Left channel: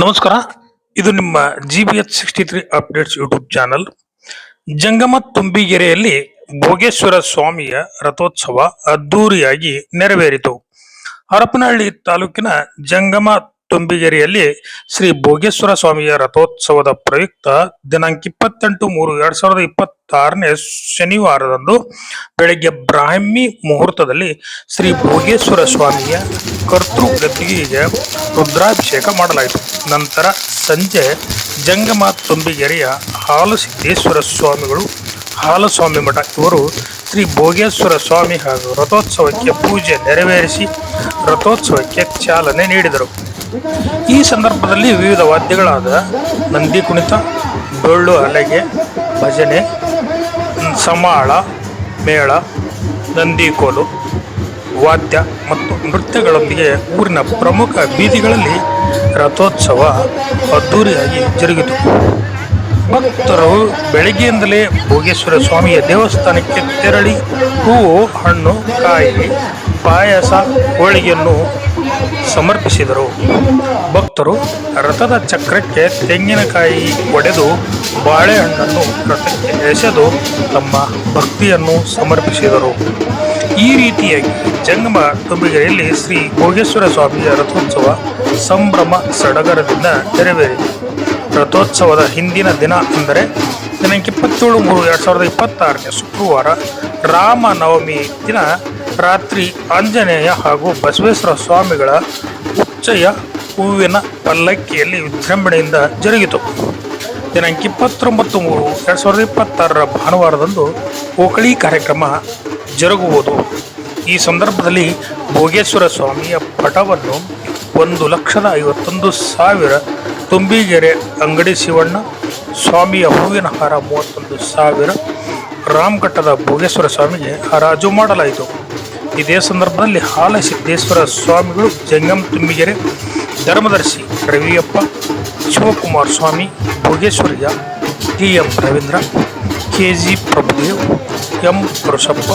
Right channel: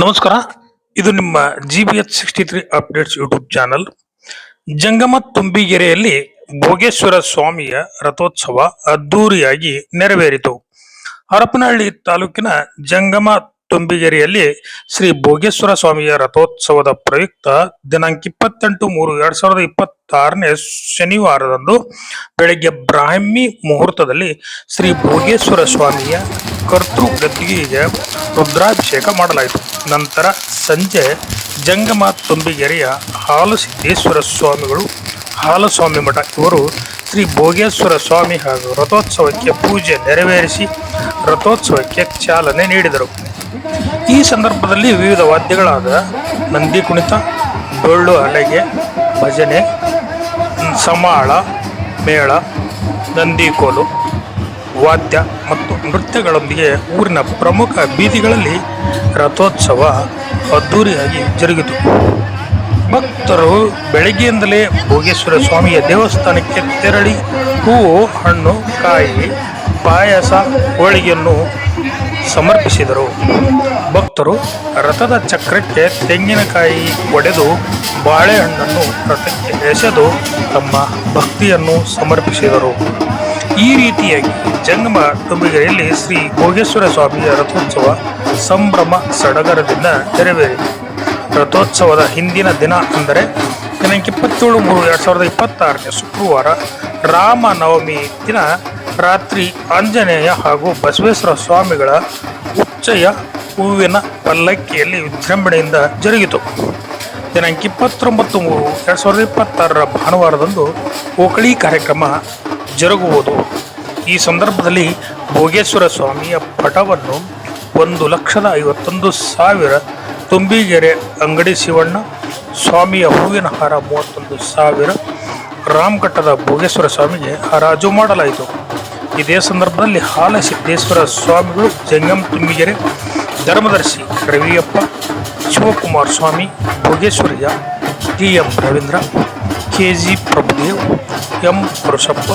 ನಮಸ್ಕಾರ. ಇದು ನಿಮ್ಮ GBH63 ಅಪ್ಡೇಟ್ಸ್ ಯೂಟ್ಯೂಬ್ ಚಾನಲ್. ಜಂಗಮ ತುಂಬಿಗೆರೆಯಲ್ಲಿ ಭೋಗೇಶ್ವರ ಸ್ವಾಮಿಯ ರಥೋತ್ಸವ ಅದ್ದೂರಿಯಾಗಿ ನೆರವೇರಿತು. ಹರಪನಹಳ್ಳಿ ತಾಲೂಕಿನ ಜಂಗಮ ತುಂಬಿಗೆರೆಯಲ್ಲಿ ಶ್ರೀ ಭೋಗೇಶ್ವರ ಸ್ವಾಮಿಯ ರಥೋತ್ಸವದ ಪ್ರಯುಕ್ತ ದಿನಾಂಕ 28-3-2026 ಶನಿವಾರದಂದು ಬೆಳಗ್ಗೆ ಬ್ರಾಹ್ಮಿ ಮುಹೂರ್ತದಲ್ಲಿ ಶ್ರೀ ಭೋಗೇಶ್ವರ ಸ್ವಾಮಿಯ ಕರ್ತೃ ಗದ್ದಿಗೆಗೆ ರುದ್ರಾಭಿಷೇಕ ಮಾಡಲಾಯಿತು. ನಂತರ ಸಂಜೆ ಜಂಗಮ ತುಂಬಿಗೆರೆಯ ಹಾಲಸಿದ್ದೇಶ್ವರ ಸ್ವಾಮಿಗಳು, ಹಾಲಸ್ವಾಮಿ ಮಠ ಇವರು ಶ್ರೀ ಭೋಗೇಶ್ವರ ಸ್ವಾಮಿ ಹಾಗೂ ರಥೋತ್ಸವಕ್ಕೆ ಪೂಜೆ ನೆರವೇರಿಸಿ ರಥೋತ್ಸವಕ್ಕೆ ಚಾಲನೆ ನೀಡಿದರು. ಈ ಸಂದರ್ಭದಲ್ಲಿ ವಿವಿಧ ವಾದ್ಯಗಳಾದ ನಂದಿ ಕುಣಿತ, ಡೊಳ್ಳು ಹಲಗೆ, ಭಜನೆ, ಸಮಾಳ, ಮೇಳ, ನಂದಿಕೋಲು ವಾದ್ಯ ಮತ್ತು ನೃತ್ಯಗಳೊಂದಿಗೆ ಊರಿನ ಪ್ರಮುಖ ಬೀದಿಗಳಲ್ಲಿ ರಥೋತ್ಸವ ಅದ್ದೂರಿಯಾಗಿ ಜರುಗಿತು. ಭಕ್ತರು ಬೆಳಗ್ಗೆಯಿಂದಲೇ ಭೋಗೇಶ್ವರ ಸ್ವಾಮಿಯ ದೇವಸ್ಥಾನಕ್ಕೆ ತೆರಳಿ ಹೂವು, ಹಣ್ಣು, ಕಾಯಿ, ಪಾಯಸ, ಹೋಳಿಗೆಯನ್ನು ಸಮರ್ಪಿಸಿದರು. ಭಕ್ತರು ರಥದ ಚಕ್ರಕ್ಕೆ ತೆಂಗಿನಕಾಯಿ ಒಡೆದು ಬಾಳೆಹಣ್ಣನ್ನು ರಥಕ್ಕೆ ಎಸೆದು ತಮ್ಮ ಭಕ್ತಿಯನ್ನು ಸಮರ್ಪಿಸಿದರು. ಈ ರೀತಿಯಾಗಿ ಜಂಗಮ ತುಂಬಿಗೆರೆಯಲ್ಲಿ ಶ್ರೀ ಭೋಗೇಶ್ವರ ಸ್ವಾಮಿಯ ರಥೋತ್ಸವ ಸಂಭ್ರಮ ಸಡಗರದಿಂದ ನೆರವೇರಿತು. ರಥೋತ್ಸವದ ಹಿಂದಿನ ದಿನ ಅಂದರೆ ದಿನಾಂಕ 27-3-2026 ಶುಕ್ರವಾರ ರಾಮನವಮಿ ದಿನ ರಾತ್ರಿ ಆಂಜನೇಯ ಹಾಗೂ ಬಸವೇಶ್ವರ ಸ್ವಾಮಿಗಳ ಉಚ್ಚಯ ಹೂವಿನ ಪಲ್ಲಕ್ಕಿಯಲ್ಲಿ ವಿಜೃಂಭಣೆಯಿಂದ ಜರುಗಿತು. ದಿನಾಂಕ 29-3-2026 ಭಾನುವಾರದಂದು ಓಕಳಿ ಕಾರ್ಯಕ್ರಮ ಜರುಗುವುದು. ಈ ಸಂದರ್ಭದಲ್ಲಿ ಭೋಗೇಶ್ವರ ಸ್ವಾಮಿಯ ಪಟವನ್ನು 1,51,000, ತುಂಬಿಗೆರೆ ಅಂಗಡಿ ಶಿವಣ್ಣ ಸ್ವಾಮಿಯ ಹೂವಿನ ಹಾರ 31,000 ರಾಮಘಟ್ಟದ ಭೋಗೇಶ್ವರ ಸ್ವಾಮಿಗೆ ಹರಾಜು ಮಾಡಲಾಯಿತು. ಇದೇ ಸಂದರ್ಭದಲ್ಲಿ ಹಾಲಸಿದ್ದೇಶ್ವರ ಸ್ವಾಮಿಗಳು, ಜಂಗಮ ತುಂಬಿಗೆರೆ ಧರ್ಮದರ್ಶಿ ರವಿಯಪ್ಪ, Shivakumara Swami, ಭೋಗೇಶ್ವರಯ್ಯ, TM Ravindra, KG Prabhudev, M ಪುರುಷಪ್ಪ,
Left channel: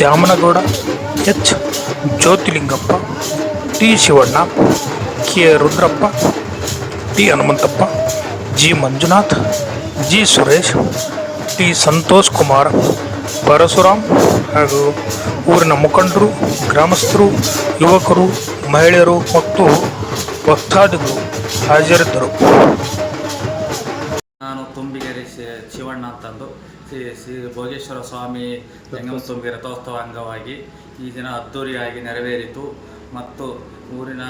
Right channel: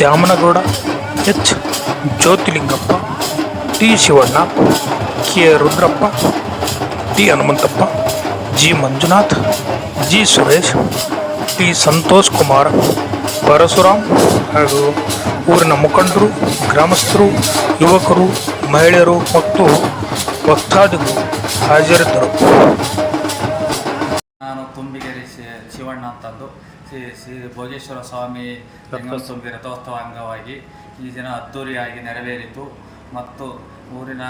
Dyamanagouda, H ಜ್ಯೋತಿಲಿಂಗಪ್ಪ, T Shivanna, K Rudrappa, T Hanumanthappa, G Manjunath, G Suresh, T Santosh Kumar, Parashuram ಹಾಗೂ ಊರಿನ ಮುಖಂಡರು, ಗ್ರಾಮಸ್ಥರು, ಯುವಕರು, ಮಹಿಳೆಯರು ಮತ್ತು ಭಕ್ತಾದಿಗಳು ಹಾಜರಿದ್ದರು. ನಾನು ತುಂಬಿಗೆರೆ ಶಿವಣ್ಣ ಅಂತಂದು ಶ್ರೀ ಭೋಗೇಶ್ವರ ಸ್ವಾಮಿ ಜಂಗಮ ತುಂಬಿ ರಥೋತ್ಸವ ಅಂಗವಾಗಿ ಈ ದಿನ ಅದ್ದೂರಿಯಾಗಿ ನೆರವೇರಿತು ಮತ್ತು ಊರಿನ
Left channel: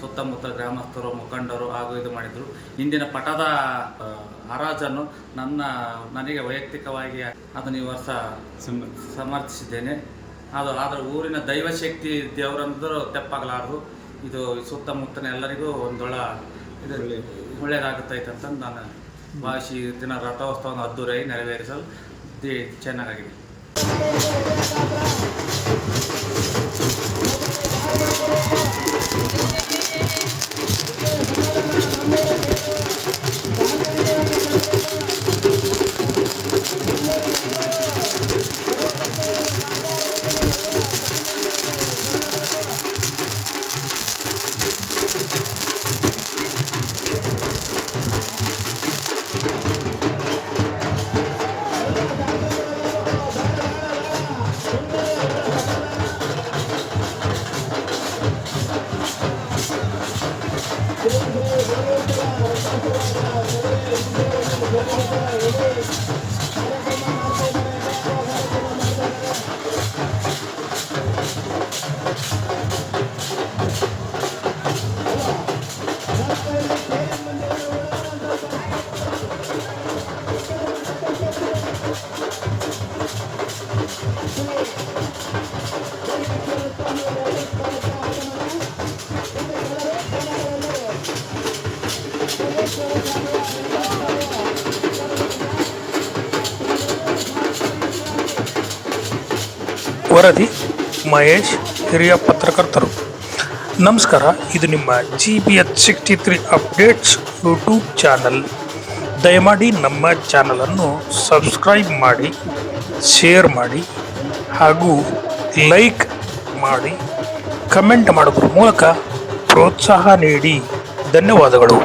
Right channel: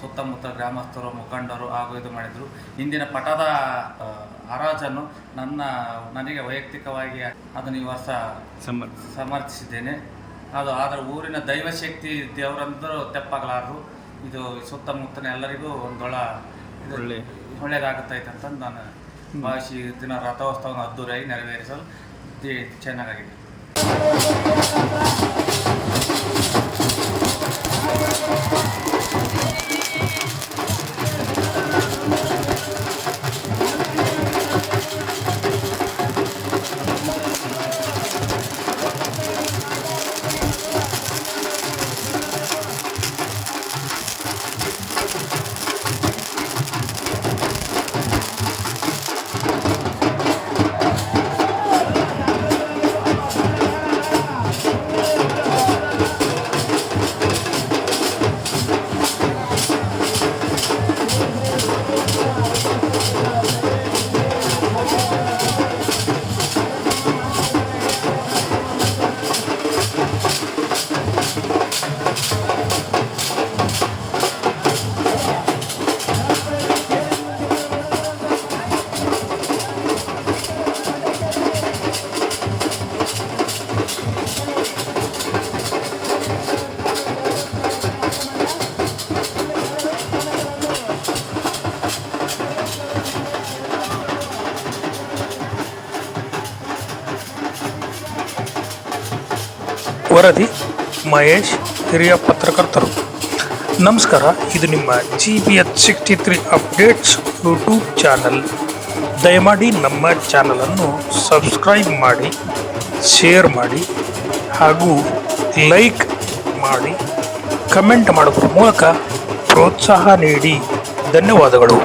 ಸುತ್ತಮುತ್ತ ಗ್ರಾಮಸ್ಥರು, ಮುಖಂಡರು ಹಾಗೂ ಇದು ಮಾಡಿದರು. ಇಂದಿನ ಪಟದ ಹರಾಜನ್ನು ನನಗೆ ವೈಯಕ್ತಿಕವಾಗಿ ಅದನ್ನು ಈ ವರ್ಷ ಸಮರ್ಥಿಸಿದ್ದೇನೆ. ಆದರೆ ಊರಿನ ದೈವಶಕ್ತಿ ದೇವರಂದರೂ ತೆಪ್ಪಾಗಲಾರದು. ಇದು ಸುತ್ತಮುತ್ತಲ ಎಲ್ಲರಿಗೂ ಇದು ಒಳ್ಳೆಯದಾಗುತ್ತೈತೆ ಅಂತಂದು ನಾನು ಭಾವಿಸಿ ದಿನ ರಥೋತ್ಸವವನ್ನು ಅದ್ದೂರಿಯಾಗಿ ನೆರವೇರಿಸಲು ಚೆನ್ನಾಗಿದೆ. ವರದಿ ಮಹೇಶ್, ಹಿರಿಯ ಪತ್ರಕರ್ತರು. ನಮಸ್ಕಾರ. ಇದು ನಿಮ್ಮ GBH63 ಅಪ್ಡೇಟ್ಸ್ ಯೂಟ್ಯೂಬ್ ಚಾನಲ್. ದಯಮಾಡಿ ನಮ್ಮ ಚಾನಲನ್ನು ಸಬ್ಸ್ಕ್ರೈಬ್ ಮಾಡಿ, ಶೇರ್ ಮಾಡಿ ಹಾಗೂ ಲೈಕ್ ಮಾಡಿ, ಕಮೆಂಟ್ ಮಾಡೋದ್ರ ಮೂಲಕ ಪ್ರೋತ್ಸಾಹ ನೀಡಿ. ಧನ್ಯವಾದಗಳು.